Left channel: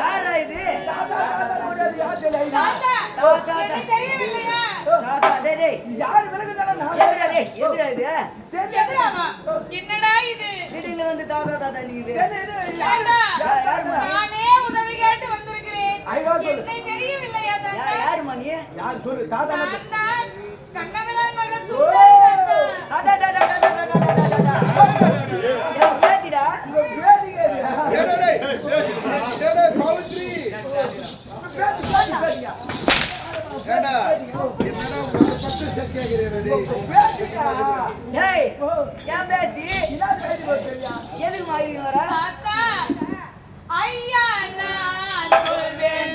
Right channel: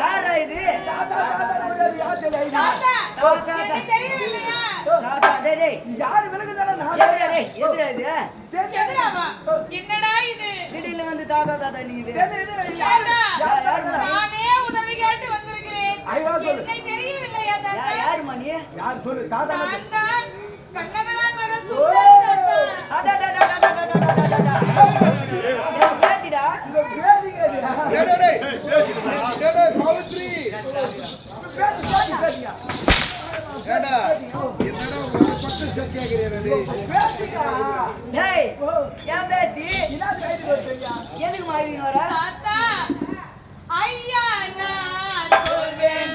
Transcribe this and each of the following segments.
யாரா இது? யாரு விலகுதானே என்னடா இது? திடீர்னு வந்து தாத்தா தாத்தா நீங்க நானே உதவி கேட்டு வந்திருக்கிறேன். என்னை தெரியவில்லையா தாத்தா? யாருமா நீ? யார் சொல்லு? தாத்தா கண்ணவரான் மகன் சுந்தரி பேத்திடா எதுக்கு மாதிரி வர ஐயா நான் சொல்வேன்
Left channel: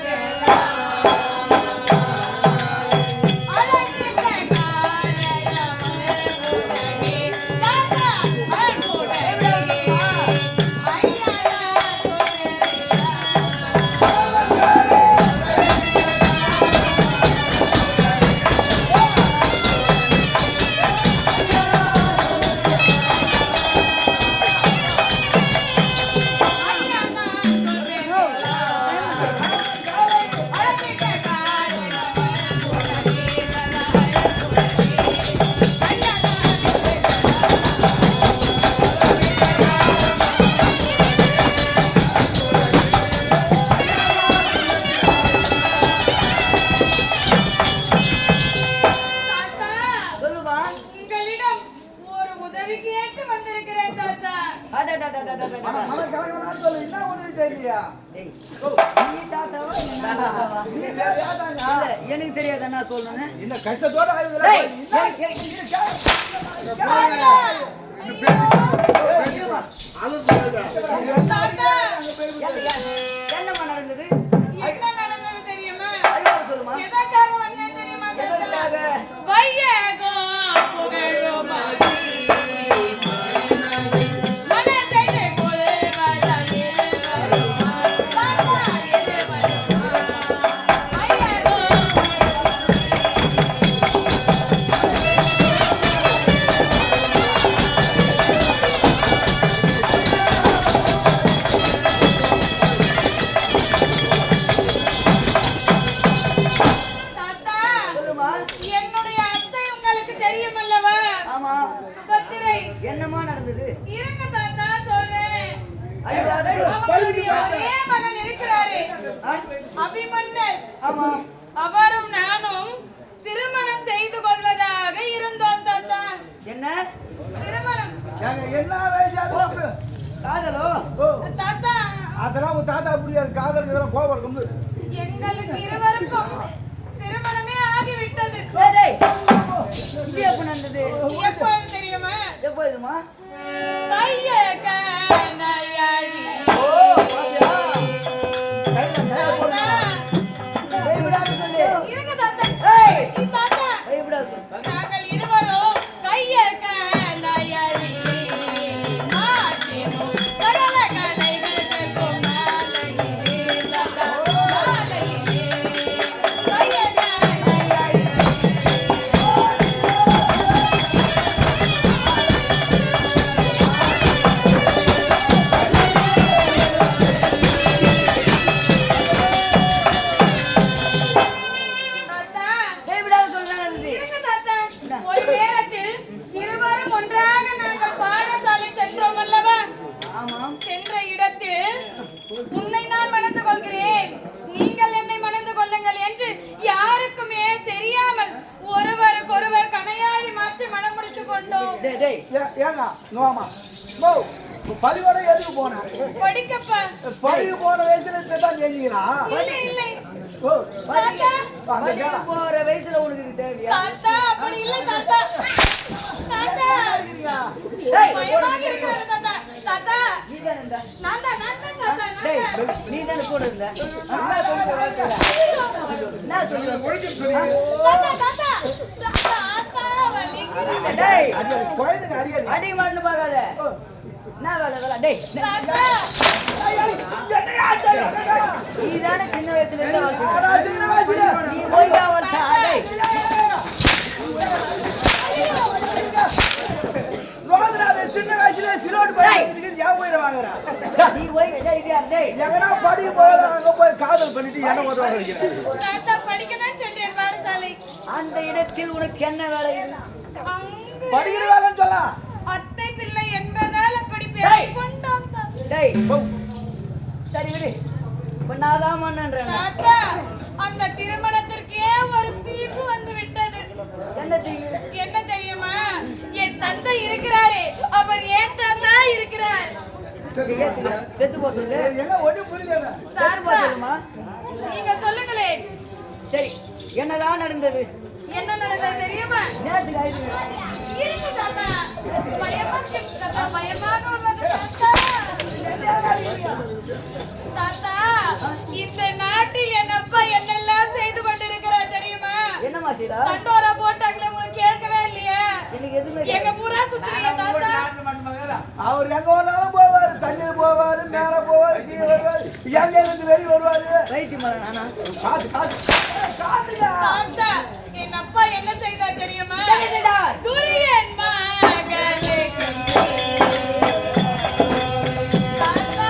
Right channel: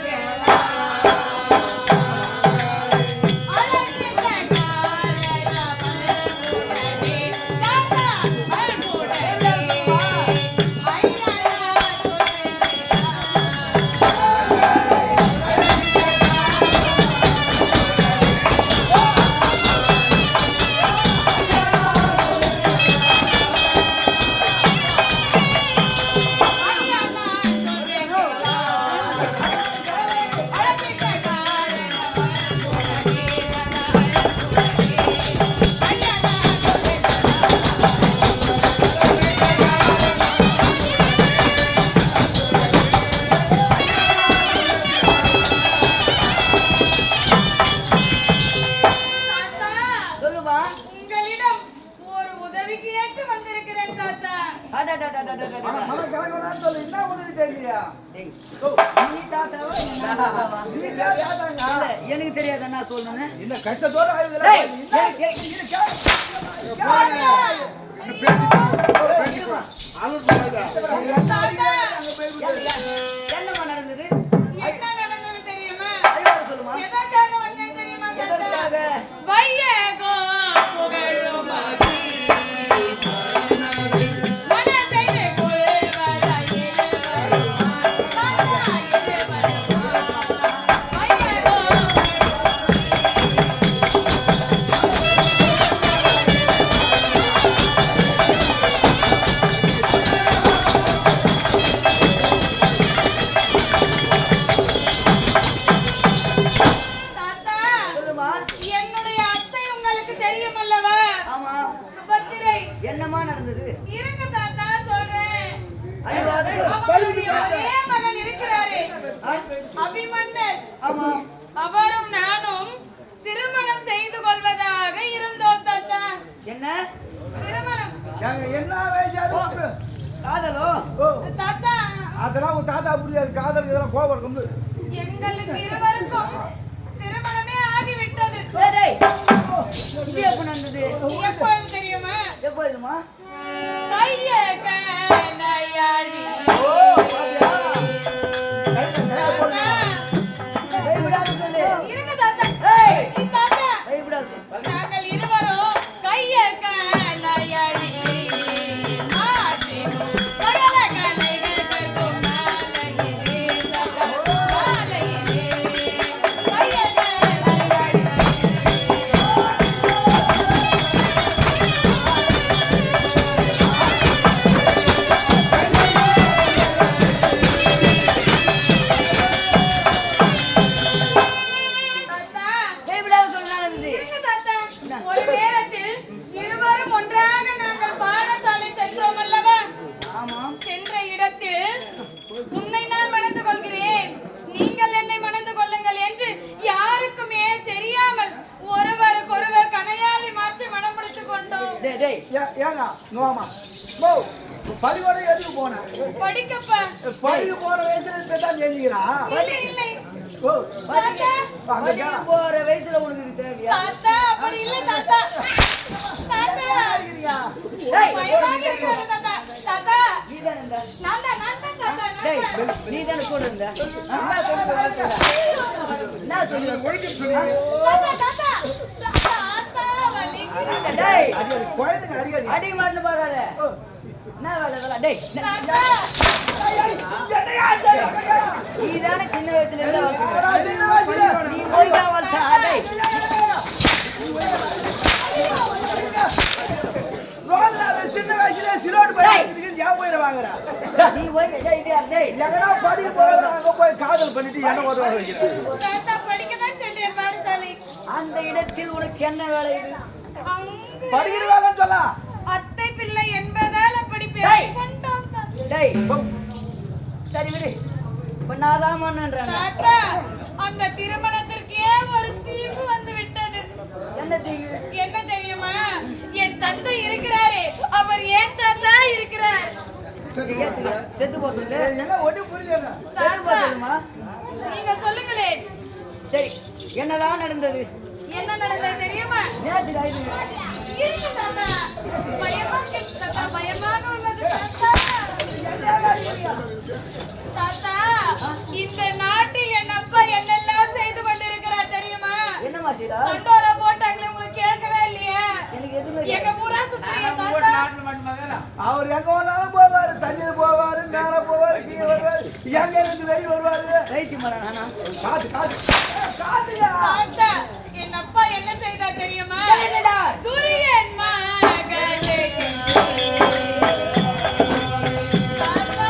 எனக்கு தெரியாத என்ன சொல்லணும் இந்த கஷ்டத்தோட என்னமா நடந்தது தெரியுமா? சொல்லுமா? எதற்காக வந்தேன் தெரியுமா? எதற்காக? என்னமா நடந்தது? இருங்க தாத்தா சொல்றேன். ஒரே மகன் இருக்கிறாரே அபிமன்னன். ஆமா. அவரும் நானும் திருமணம் செய்து கொள்வதாக இருந்தோம் தாத்தா. என்ன திருமணம்? என்ன வேஜாது காதலோ? தாத்தா அதெல்லாம் உன் தாத்தா புரியாது. காதல் இதெல்லாம் கோபம் இருக்கும். எங்களுக்கு இருவருக்கும் திருமணமே ஆகிவிட்டது. இது எப்ப நடந்தது? எப்போது தெரியுமா? எப்போதுமா? கையே கண்ணையாடி. பயப்படாத சொல்லு. இருங்க தாத்தா. தாத்தா பயப்படாத சொல்லு. நாங்கள் இருவரும் கையே கண்ணையாடி. ஒரு நேரத்தில் இருவரும் ஒன்றாக நாங்கள் பாடசாலை சென்றோம் அல்லவா? சென்ற இடத்தில் உன்னை நான் மணந்து கொள்கிறேன், நீங்கள் என்னை மணந்து கொள்ளுங்கள் என்று யாருக்குமே தெரியாமல் ஒருவருக்கொருவர் கணையாழி மாற்றி மனம் முடித்துக் கொண்டோம். பள்ளிக்கூட எதுக்கு போன? படிக்கப்பா. பள்ளிக்கு போன வயசுல தான் தெரிஞ்சுக்கிறா. இல்லை போற வயசுல உனக்கு தேவையா? தாத்தா அப்படி இல்லை தாத்தா. தாத்தா தாத்தா நீ தானே கூட இருந்த? என்ன சொல்லி அடி மருந்து பார்க்காத. என்ன வேலை வேலை? டேய் நீ தானே சின்ன வயசுல இருந்து நீ போயிட்டா வளர்த்தா? டேய் சின்ன வயசுல சிலோட்டு போய் ஏன் உயிரை வாங்குறா நீ போய் டேய் இது யார் டேய் எங்கனா படிக்க போய் அங்க போய் காதல் பண்ணிட்டு என்ன உதவ வைக்கிறேன் தாத்தா படிக்கதான் சொல்லிய பாடசாலை அந்த இடத்தில் உனக்கு என்ன வேலை இது படிக்கிற வேலைன்னு சொல்ல அத்தை பிள்ளை என்பதால படிப்பேன் கொண்டாம் டேய் சரி விடு இப்ப நான் தான் மன்னன்றேன் தாத்தா அந்த திருமணத்திற்கே ஒரு தீர்ப்பு வந்து விட்டது என்ன தீங்கு என்ன தெரியுமா என் தந்தை இருக்கிறாரே அவர் ஏன் தாத்தா இருக்கிறார் செத்து போ சொல்லு என்ன ஒண்ணு புரியல செத்து போ சொல்லுமா நீங்க சொல்லுங்களேன் சரி என்னதான் நடந்தது என்ன நடந்தது தெரியுமா நேத்துக்கு ஆயுது இருக்கு தாத்தா பயமாக உள்ளது தாத்தா இந்த நாட்டு என் அப்பா என்னெல்லாம் செய்து கொண்டிருக்கிறார் தெரியுமா என்னமா செய்தா கட்டோரா போட்டாங்களே உங்களுக்கு கேட்கவே இல்லையா எனக்கு எதுவுமே எங்க பூரா சுத்துறீங்க தாத்தா அவர் எங்க வேணாலும் போவாரு தண்ணியில போவாரு மேல போவாரு கீழே வருவாரு எங்க இருந்து வெளியே வருவாரு வைத்தியம் பண்ண நானா காத்து காத்து காத்துயா தாத்தா என் அப்பா என்ன செய்தார் தெரியுமா துரியன் மகனுக்கு தாத்தா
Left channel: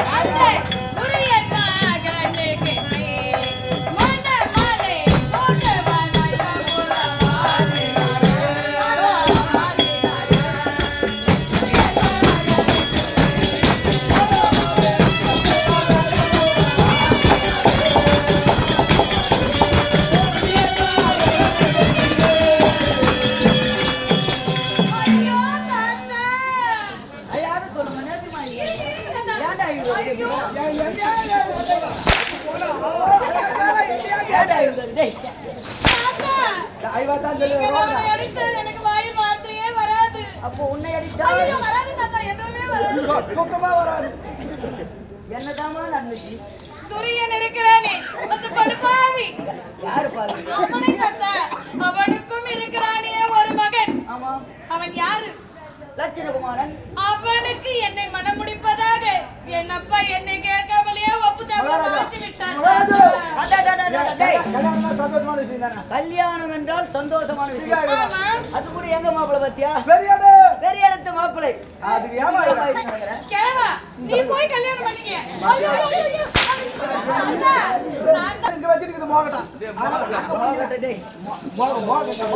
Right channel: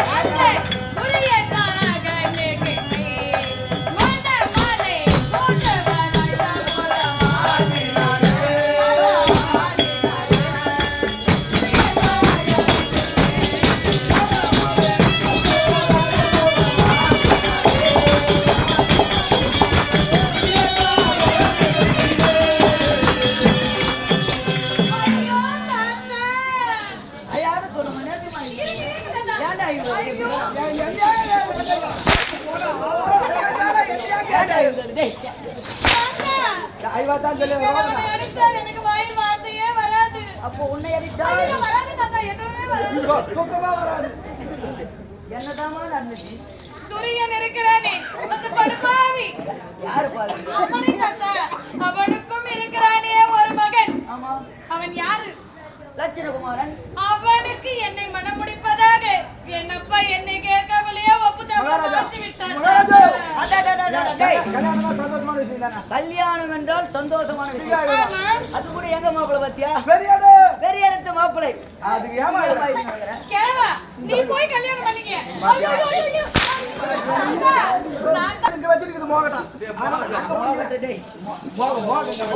தாத்தா துரியன் மகனுக்கு மனமலை மோட்டவானாய் தாமோலவானே ஐயோ தாத்தா ஐயாவது சொல்லுமா நேற்றுமா ஏன்டா இவ்வளவு ஏன்டா இவ்வளவு டேய் தாத்தா ஐவா தான் சொல்லு நீங்க அவனை அடித்தால் எனக்கு வாயில் வார்த்தையே வராது அப்போ உன்னை அடித்தா ஐயோ, வராது தாத்தா எதுவுமே வராது சுத்தமா வராது என்னதாமா நடந்துச்சு துரியன் இருக்கிறானே அந்த படுபாவி யாரு பாரு அவனை தாத்தா அவனுக்கும் இருக்கிறானே ஒரு மகன் ஆமா அவன் யாரு லட்சுமகுமாரன் அவனுக்கு என்னை மனமுடிப்பதாக என் அப்பா என்னை கேட்காமலேயே ஒப்புதல் மாற்றி விட்டான் டேய் கல்யாணமா சந்தோஷமான விஷயம் தானே கல்யாணம் என்றால் சந்தோஷமான விஷயம் ஆமா அது கூட எங்க மாப்பிள்ளை பாத்தியா சரியாடு பெரிய இடத்து மாப்பிள்ளை அது ஏமா நினைக்கிறேன் கேளா நீ போய் கல்யாணம் பண்ணிக்க ஐயோ ஐயோ, ஐயோ தாத்தா, நான் இங்க வச்சிருக்குது மோகட்டான் டேய் மோகம் தாத்தா,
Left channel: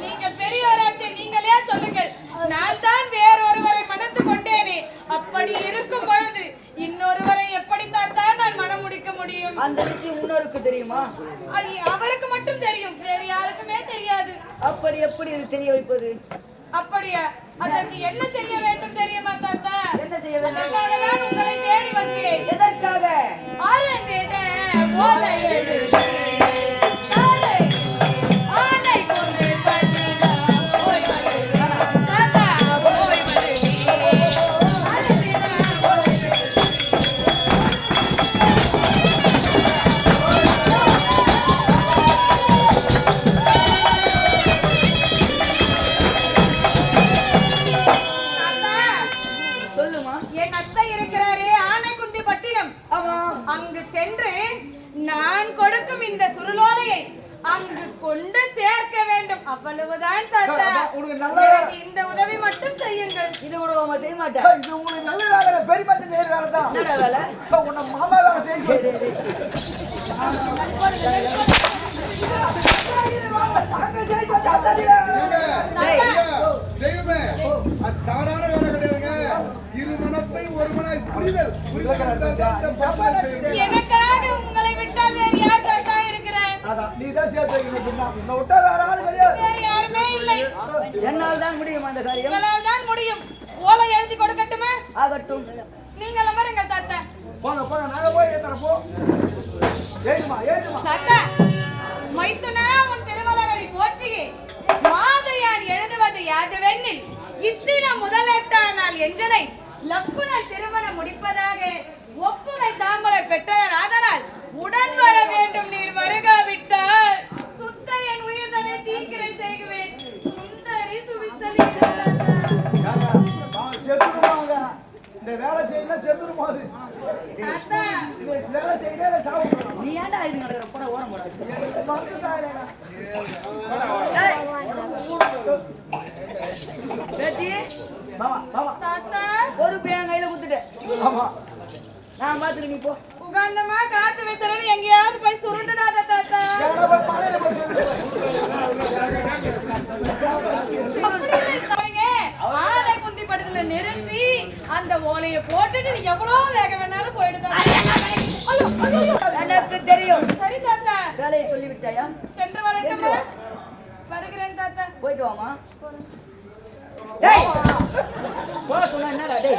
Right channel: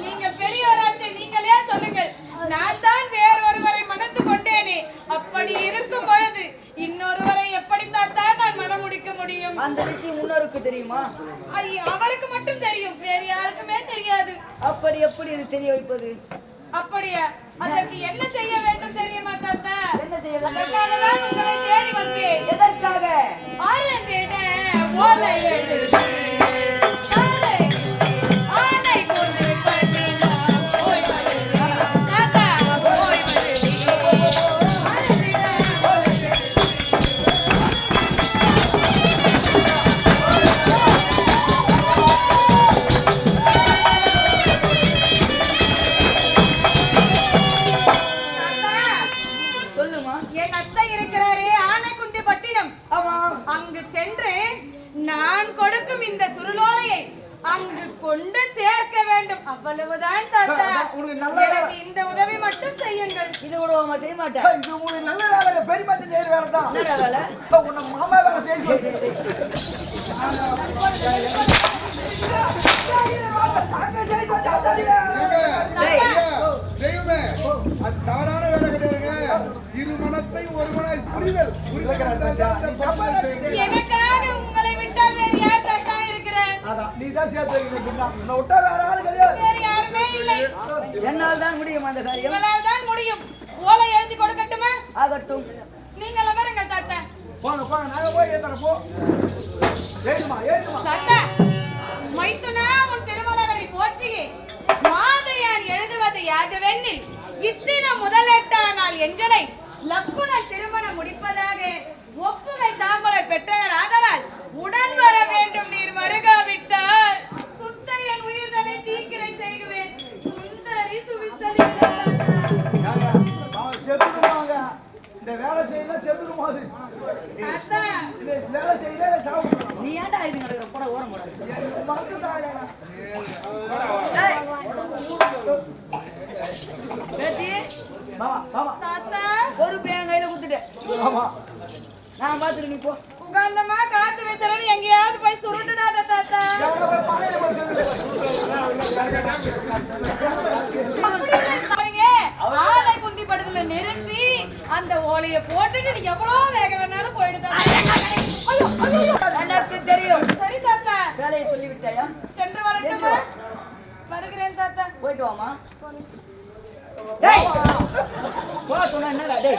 நீங்க பெரியவராச்சே நீங்களே சொல்லுங்கள் நான் தான் வேறொருவரை மணந்து கொண்டேனே அப்படி இருக்கும் பொழுது இன்னொருவரை எப்படி தாத்தா நான் மனம் முடிக்க முடியும் அந்த விஷயம் முன்னோருக்கு தெரியுமா அவருக்கு மட்டும் தெரியும் வேறு யாருக்குமே தெரியாது அப்படி எப்படி இது தெரிய வைப்பது அப்படியா அதற்கு என்ன செய்ய வேண்டும் தெரியுமா தாத்தா என்ன செய்ய வேண்டும் அதற்காகதான் உங்களை தேடி வந்தேன் எதற்காக ஆரந்திட ஓலை எழுதி தாரை ஆணை கொண்டு பண்ணினா போய் வருகிறேன் தாத்தா போய் வருகிறேன் ஆரந்திட ஓலை தாத்தா சொல்லுமா என் அத்தை இருக்கிறாரே ஆனைக்குந்தி பட்டினம் ஆமா அங்கு சென்று நான் கொடுக்கும் இந்த சுருளோலையை அங்கு கொண்டு சேர்க்க வேண்டும் அவ்வளவுதான் தாத்தா உனக்கு நல்ல எனக்கு இந்த உதவி மட்டும் செய்யுங்கள் இது கூட உங்க செய்ய மாட்டேன் இது உங்களுக்கு நல்ல வேலை பெரிய மனுஷன் செய்யற வேலை தான் என்னடா வேலை உன்னை மாமா வேலை செய்ய அங்க செய்ய டேய் தெய்வமே அது தவறான வேலை கிடையாதுங்க இரு மனத்தை ஒரு மனாய் புரிதல் எனக்காக உங்களை விட்டால் வேறு யார் தாத்தா இருக்கிறேன் அதான் நீ தான் சேர்த்து வைக்கணும் உன்னை விட்டா வேற ஆள் கிடையாது வேறு யாருமே இல்லை என்னால் தான் முடியும் அந்த காரியம் உங்களால் தான் முடியும் ஓலை எழுதி கொடுக்கட்டுமா ஆகட்டும் நீங்கள் அமருங்கள் தாத்தா போங்க போங்க நாங்க போய் ஏத்தறோம் போ ஏழுமா ஏழுமா தாத்தா மைத்தனா உன் திருமணங்களை போற்றியே மாதையான் எழுதுவது யாதவெண்ணில் இத்தின முதலெட்டானால் எஞ்சனை லக்குணன் திருமணம் முடிப்பதாக ஒப்புமை தாமரை பெற்றனர் ஆதலால் உடன் வர வேண்டும் நீர் வருகாவிட்டால் சுத்த என் உயிர்தனை தீக்கிரை செய்குவேன் சுந்தரி சுவித்தலி செத்துருமாங்க இந்த வேலை செய்யலாம் செத்துருமா அது தாத்தா இந்த வேலை செய்யல சாவு நீ ஏன்டா இது நடக்கிற போட ஓரம் போடாது மறந்து தாயில பேத்தி மாமா மாமா தாத்தா பொறுப்பு என் கையில குடுத்துட்டேன். ஆமா நான் பாத்துட்டு நீ போ. உகாந்தமா காத்து வச்சறன்னு எங்கேயாவது போய் சுருண்டுடாத தாத்தா. எவனோ போய் பாலையில போய் சொல்லு. பாருங்க, ஆளை குந்தி படுத்துல நிறுத்தி அந்த ஓலைய போட்டுட்டு நீ எவ்வளவு வேக வேணாலும் போயிடுதா. எனக்கு தெரியும். சரி தாத்தா, வேலையை சொல்லி விட்டாயா? சென்று வரட்டுமா? வருகிறேன் தாத்தா. போயிட்டு வாமா. டேய் போ சொன்னா என்னடா டேய்